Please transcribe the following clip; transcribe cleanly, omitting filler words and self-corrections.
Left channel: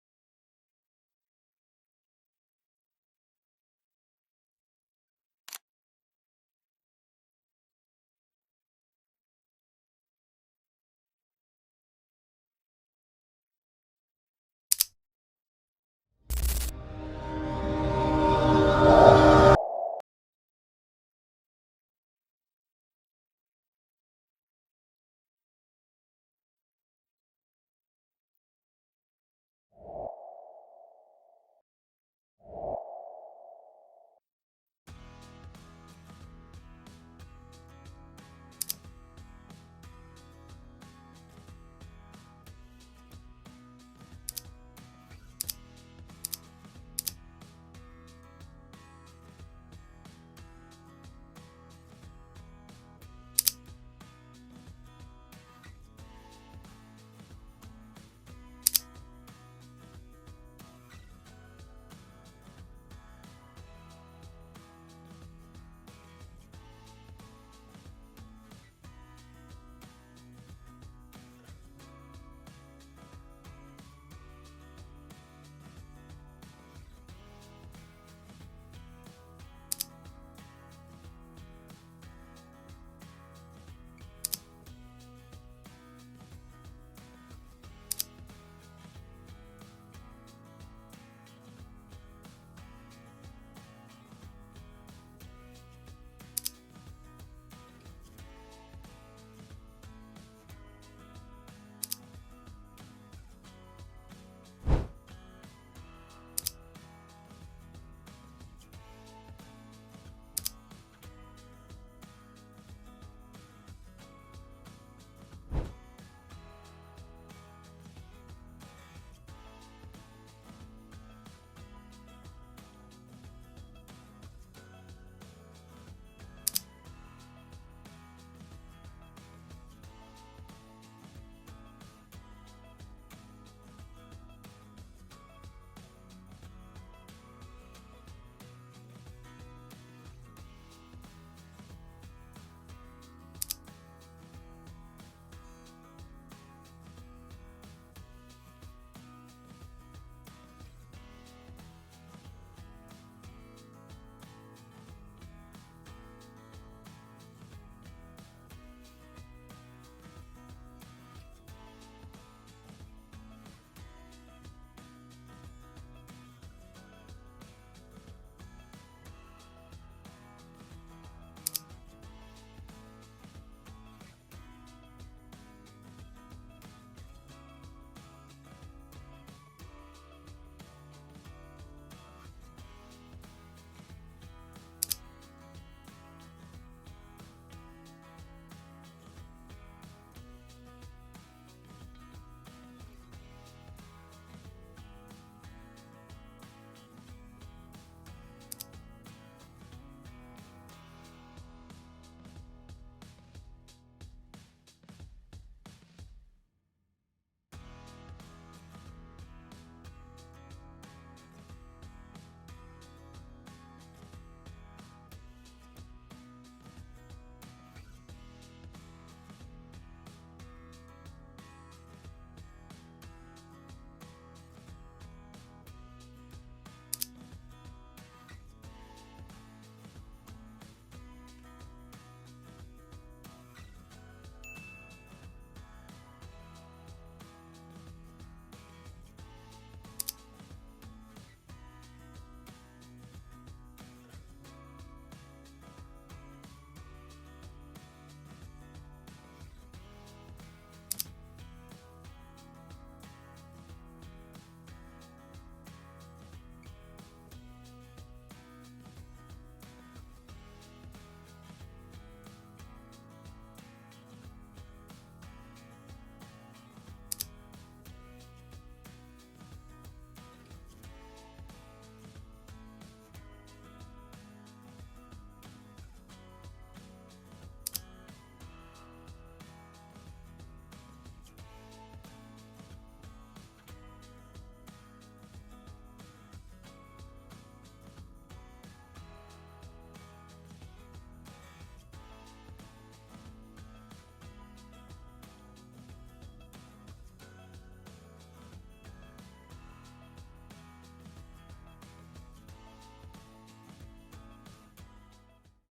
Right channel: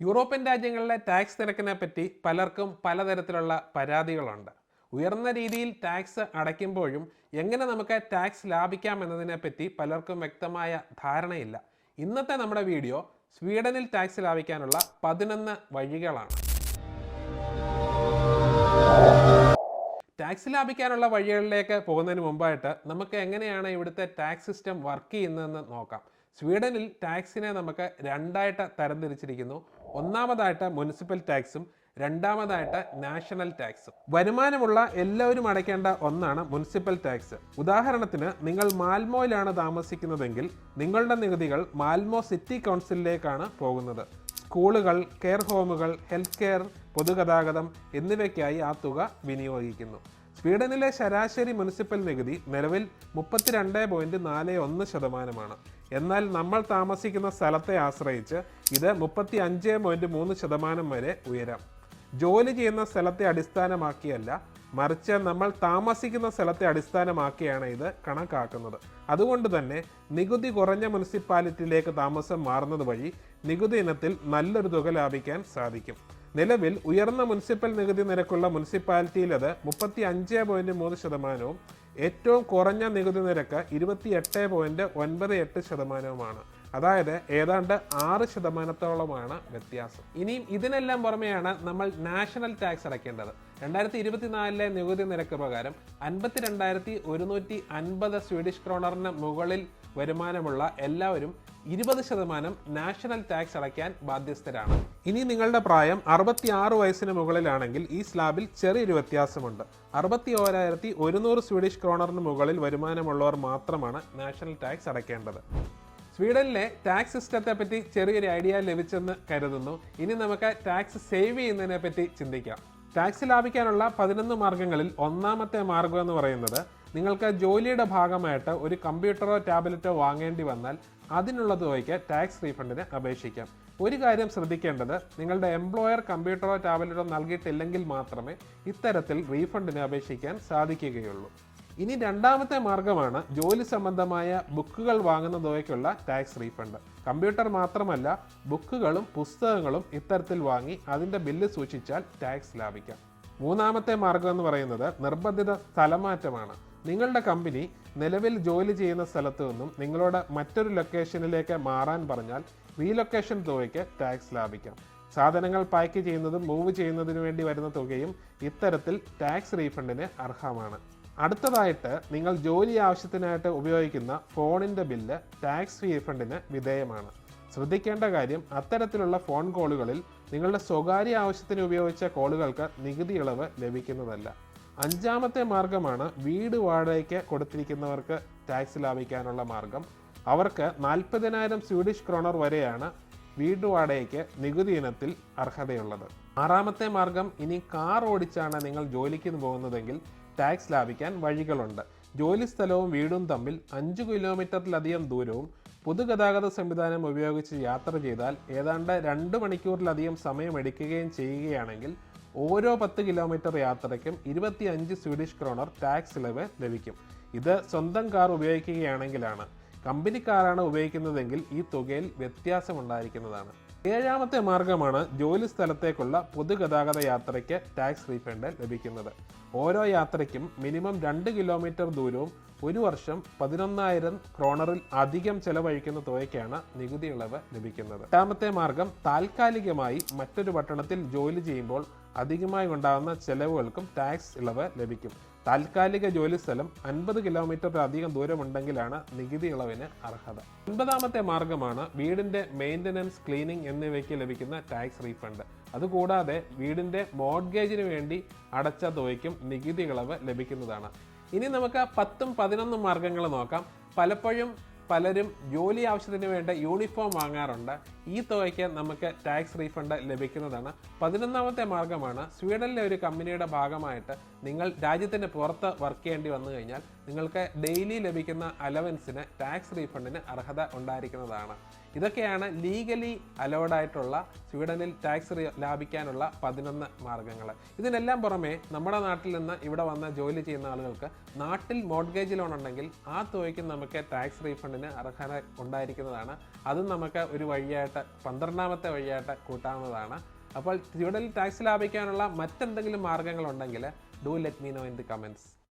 European രാജ്യങ്ങളിലെ tax നിരക്കിനെ പറ്റി പലർക്കും പലതരത്തിലുള്ള പരാതികളുണ്ട്. ഉയർന്ന രീതിയിൽ ടാക്സ് അടയ്ക്കുമ്പോഴും എങ്ങനെ നമുക്ക് ടാക്സ് ലാഭിക്കാം എന്നതിനെപ്പറ്റി പലർക്കും വ്യക്തമായ ധാരണയില്ല. ഇന്നത്തെ നമ്മുടെ വീഡിയോ സ്വീഡനിൽ ടാക്സ് ലാഭിക്കാനുള്ള 11 വഴികളാണ്. ടാക്സ് ലാഭിക്കാനുള്ള വഴികളിലേക്ക് പോകുന്നതിന് മുമ്പായിട്ട് നമുക്ക് എങ്ങനെയാണ് ഇവിടുത്തെ ടാക്സ് സിസ്റ്റം വർക്ക് ചെയ്യുന്നതെന്ന് നോക്കാം. സ്വീഡനിൽ ടാക്സിനെ നമുക്ക് രണ്ടായിട്ട് തരംതിരിച്ചിരിക്കുന്നു. ഒന്നാമതായിട്ട് മുനിസിപ്പൽ ടാക്സും രണ്ടാമതായിട്ട് നാഷണൽ ടാക്സും. വരുമാനമുള്ള എല്ലാവരും അടയ്ക്കേണ്ട ഒന്നാണ് മുനിസിപ്പൽ ടാക്സ്. ഉദാഹരണത്തിന് നിങ്ങൾ മാൽമോയിലാണ് താമസിക്കുന്നതെങ്കിൽ നിങ്ങളുടെ നികുതികൾ മാൽമോ സിറ്റി കൗൺസിലിലേക്കാണ് പോകുന്നത്. സ്കൂളുകൾ, കെയർ ഹോമുകൾ, ഹെൽത്ത് കെയർ, പൊതുഗതാഗതം എന്നിവയ്ക്കായി ആ തുക വിനിയോഗിക്കുന്നു. സ്വീഡനിലെ ശരാശരി മുനിസിപ്പൽ നികുതി നിലവിൽ 32.41%. എന്നാൽ നമ്മൾ താമസിക്കുന്ന സ്ഥലത്തെ ആശ്രയിച്ച് ഇത് 35.3% വരെ ഉയരാം. ജോലി ചെയ്യുന്ന സ്ഥലത്തെ അടിസ്ഥാനമാക്കിയല്ല, മറിച്ച് നമ്മൾ താമസിക്കുന്ന സ്ഥലത്തെ അടിസ്ഥാനമാക്കിയാണ് ഇത് കണക്കാക്കുന്നത്. അതുകൊണ്ട് തന്നെ നികുതി കുറഞ്ഞ മുനിസിപ്പാലിറ്റിയിലേക്ക് താമസം മാറുന്നത് വഴി നികുതി ഇനത്തിൽ നല്ലൊരു തുക ലാഭിക്കാൻ സാധിക്കും. നിലവിൽ ഉയർന്ന മുനിസിപ്പൽ നികുതി നിരക്കുള്ള മുനിസിപ്പാലിറ്റിയിൽ അത് 35.3%, ഏറ്റവും കുറഞ്ഞ നികുതി നിരക്ക് 28.98%. അതായത് ഏതാണ്ട് 6%-ഓളമാണ് വ്യത്യാസം. ഇനിയും ഇതിനെല്ലാം പുറമെയാണ് നമ്മൾ നാഷണൽ ടാക്സ് അടയ്ക്കേണ്ടത്. 2024 നികുതി നിരക്ക് പ്രകാരം 52,150 സ്വീഡിഷ് ക്രോണറിന് മുകളിൽ വരുമാനമുള്ള എല്ലാവരും 20% നാഷണൽ ടാക്സ് അടയ്ക്കാൻ ബാധ്യസ്ഥരാണ്. ഇനി നിങ്ങളുടെ പ്രായം 66 വയസ്സിന് മുകളിലാണെങ്കിൽ ഈ സ്ലാബിൽ ചെറിയൊരു വ്യത്യാസമുണ്ട്. 61,100 സ്വീഡിഷ് ക്രോണറിന് മുകളിൽ വരുമാനമുള്ളവർ മാത്രമാണ് നാഷണൽ ടാക്സ് അടയ്ക്കേണ്ടത്. സ്വീഡനിലെ ടാക്സ് സിസ്റ്റത്തെ പറ്റി ചെറിയൊരു ഐഡിയ ലഭിച്ചെന്ന് കരുതുന്നു. ഇനി നമുക്ക് ടാക്സ് സേവ് ചെയ്യുന്നതിനെ പറ്റി ചിന്തിക്കാം. ടാക്സ് ലാഭിക്കാനുള്ള 11 മാർഗങ്ങളിൽ ഒന്നാമത്തെ മാർഗം എന്ന് പറയുന്നത്, നിങ്ങൾക്ക് ജോലിയുടെ ഭാഗമായിട്ട് ഒരു കമ്പ്യൂട്ടറോ ടാബ്ലറ്റോ വാങ്ങേണ്ടി വന്നാൽ അതിനുള്ള തുകയ്ക്ക് ടാക്സ് റീഫണ്ടിന് അപേക്ഷിക്കാം. ഒരു കാര്യം ശ്രദ്ധിക്കേണ്ടത്, നിങ്ങളുടെ എംപ്ലോയർ കമ്പ്യൂട്ടറോ ടാബ്ലറ്റോ നൽകിയിട്ടില്ലെങ്കിൽ മാത്രമേ ഇത്തരത്തിൽ റീഫണ്ടിന് അപേക്ഷിക്കാൻ സാധിക്കുകയുള്ളൂ. ഇനി രണ്ടാമത്തെ മാർഗമാണ് ജോലി സംബന്ധമായ ബുക്കുകൾ വാങ്ങുന്ന തുകയ്ക്കുള്ള ടാക്സ് റീഫണ്ട്. കമ്പ്യൂട്ടർ മാത്രമല്ല, ബുക്കുകളും പുസ്തകങ്ങളും ഇത്തരത്തിൽ വാങ്ങി അതിൻ്റെ ബില്ല് സൂക്ഷിച്ചാൽ ടാക്സ് ലാഭിക്കാം. മൂന്നാമത്തെ മാർഗം എന്ന് പറയുന്നത് നിർബന്ധിത സ്ഥലമാറ്റമാണ്. നിങ്ങളുടെ കമ്പനി നിലവിൽ ജോലി ചെയ്യുന്ന സ്ഥലത്തു നിന്നും നിങ്ങളോട് മറ്റൊരു ലൊക്കേഷനിലേക്ക് മാറാൻ പറഞ്ഞാൽ റീലൊക്കേഷൻ തുകയ്ക്ക് ടാക്സ് ലാഭിക്കാം. സാധനങ്ങൾ പാക്ക് ചെയ്യുന്നതും മൂവ് ചെയ്യുന്നതിനു വേണ്ടി വരുന്ന തുകയും ഇത്തരത്തിൽ ടാക്സ് റീഫണ്ടിന് അർഹമാണ്. അടുത്തതായിട്ട്, നിങ്ങൾ ജോലി ആവശ്യത്തിനായിട്ട് ഉപയോഗിക്കുന്ന ഫോണിൻ്റെ ബില്ല് ടാക്സ് റീഫണ്ടിന് വിധേയമാണ്. ശ്രദ്ധിക്കേണ്ട കാര്യം, അത്തരത്തിലുള്ള ഫോൺ കോളുകളിൽ നിങ്ങളുടെ സ്വകാര്യ ആവശ്യത്തിന് ഉപയോഗിച്ച കോളുകൾക്ക് നികുതി ഇളവ് ലഭിക്കുന്നതല്ല. അഞ്ചാമത്തെ മാർഗമാണ് വീട് വാടകയ്ക്ക് കൊടുത്തിരിക്കുന്നവർക്ക് ടാക്സ് ലാഭിക്കാനുള്ള മാർഗം. അവർക്ക് 40,000 സ്വീഡിഷ് ക്രോണർ വരെയാണ് വീട് വാടകയ്ക്ക് നികുതി ഇനത്തിൽ അർഹതയുള്ളത്. ആറാമത്തെ മാർഗം, ഇനി കാർ ഓടിച്ചാണ് നിങ്ങൾ ജോലിക്ക് പോകുന്നതെങ്കിൽ ടാക്സ് ലാഭിക്കാൻ വഴികളുണ്ട്. ജോലി സ്ഥലവും വീടും തമ്മിൽ 5 കിലോമീറ്ററിലധികം ദൂരവും പൊതുഗതാഗത സംവിധാനം ഉപയോഗിച്ച് യാത്ര ചെയ്താൽ ഏതാണ്ട് 2 മണിക്കൂറിലധികം സമയമെടുക്കുകയും ചെയ്യുകയാണെങ്കിൽ ഓരോ 10 കിലോമീറ്റർ യാത്രയ്ക്കും 25 സ്വീഡിഷ് ക്രോണർ ടാക്സ് ഇളവ് ലഭിക്കും. ഇത് സ്വന്തം കാർ ഉപയോഗിക്കുകയാണെങ്കിലാണ്. കമ്പനി കാറാണ് ഉപയോഗിക്കുന്നതെങ്കിൽ ഈ തുകയിൽ വ്യത്യാസമുണ്ടായിരിക്കുന്നതാണ്. ഏഴാമത്തെ മാർഗമാണ് ജോലി സ്ഥലത്തേക്കുള്ള പൊതുഗതാഗത യാത്രയ്ക്ക് ടാക്സ് റീഫണ്ട് ലഭിക്കുന്നത്. ഓരോ യാത്രയ്ക്കും മിനിമം 2 കിലോമീറ്റർ ദൂരവും ഒരു വർഷം 11,000 ക്രോണറിൽ അധികം ചെലവഴിക്കുന്ന തുകയ്ക്കാണ് നികുതി ഇളവ് ലഭിക്കുന്നത്. എട്ടാമത്തെ മാർഗം, താൽക്കാലികമായി മറ്റൊരു പട്ടണത്തിൽ ജോലി ചെയ്യുമ്പോൾ അധികമായി ഉണ്ടാകുന്ന ചെലവുകൾക്കും ടാക്സ് ഇളവ് ലഭിക്കും. താൽക്കാലിക ജോലി സ്ഥലം 50 കിലോമീറ്ററിലധികം ദൂരമുണ്ടെങ്കിലാണ് നികുതി ഇളവിന് അർഹത. ഒൻപതാമത്തെ മാർഗമാണ് വീടിൻ്റെ മെയിൻ്റനൻസ്, ക്ലീനിങ് എന്നിവയ്ക്ക് ലഭിക്കുന്ന ടാക്സ് റീഫണ്ട്. അതുകൂടാതെ വീടിൻ്റെ മോർഗേജിന് വേണ്ടി അടച്ച തുകയ്ക്കും നികുതി ഇളവ് ലഭിക്കുന്നതാണ്. ഇനി നമുക്ക് 10ഉം 11 മാർഗങ്ങൾ നോക്കാം. പലപ്പോഴും പലരും ജോലി ആവശ്യത്തിന് വേണ്ട യൂണിഫോം വാങ്ങാറുണ്ട്. ഈ തുകയ്ക്ക് നമുക്ക് ടാക്സ് റീഫണ്ട് ലഭിക്കുന്നതാണ്. 11ാമത്തെ മാർഗമാണ്, സ്വീഡനിലെ ഒരു കമ്പനിയുടെ ഭാഗമായിട്ട് നിങ്ങൾ രാജ്യത്തിന് പുറത്ത് വർക്ക് ചെയ്യേണ്ടി വന്നു കഴിഞ്ഞാൽ നിങ്ങൾക്ക് ഡെയിലി ലഭിക്കുന്ന അലവൻസിന് ടാക്സ് റീഫണ്ടിന് അർഹത ഉണ്ടായിരിക്കുന്നതാണ്. ഇതൊക്കെയാണ് ലീഗലി അലൗഡ് ആയിട്ടുള്ള സ്വീഡനിൽ ടാക്സ് ലാഭിക്കാനുള്ള 11 മാർഗ്ഗങ്ങൾ. ഇതിനെല്ലാം പുറമെ നമ്മുടെ നാട്ടിൽ നിന്ന് ഇവിടെ വന്ന് ജോലി ചെയ്യുന്ന ആളുകൾക്ക് നാട്ടിൽ മോർട്ട്ഗേജ് ലോൺ ഉണ്ടെങ്കിൽ ആ തുകയ്ക്ക് നമുക്ക് ടാക്സ് റീഫണ്ടിന് അർഹത ഉണ്ടായിരിക്കുന്നതാണ്. അതും നമുക്ക് ഒരു വഴിയായിട്ട് 12ാമത്തെ വഴിയായിട്ട് കൂട്ടാവുന്നതാണ്. അപ്പോൾ സ്വീഡനിൽ ടാക്സ് ലാഭിക്കാനുള്ള മറ്റെന്തെങ്കിലും മാർഗ്ഗങ്ങളുണ്ടെങ്കിൽ do let me know in the comments.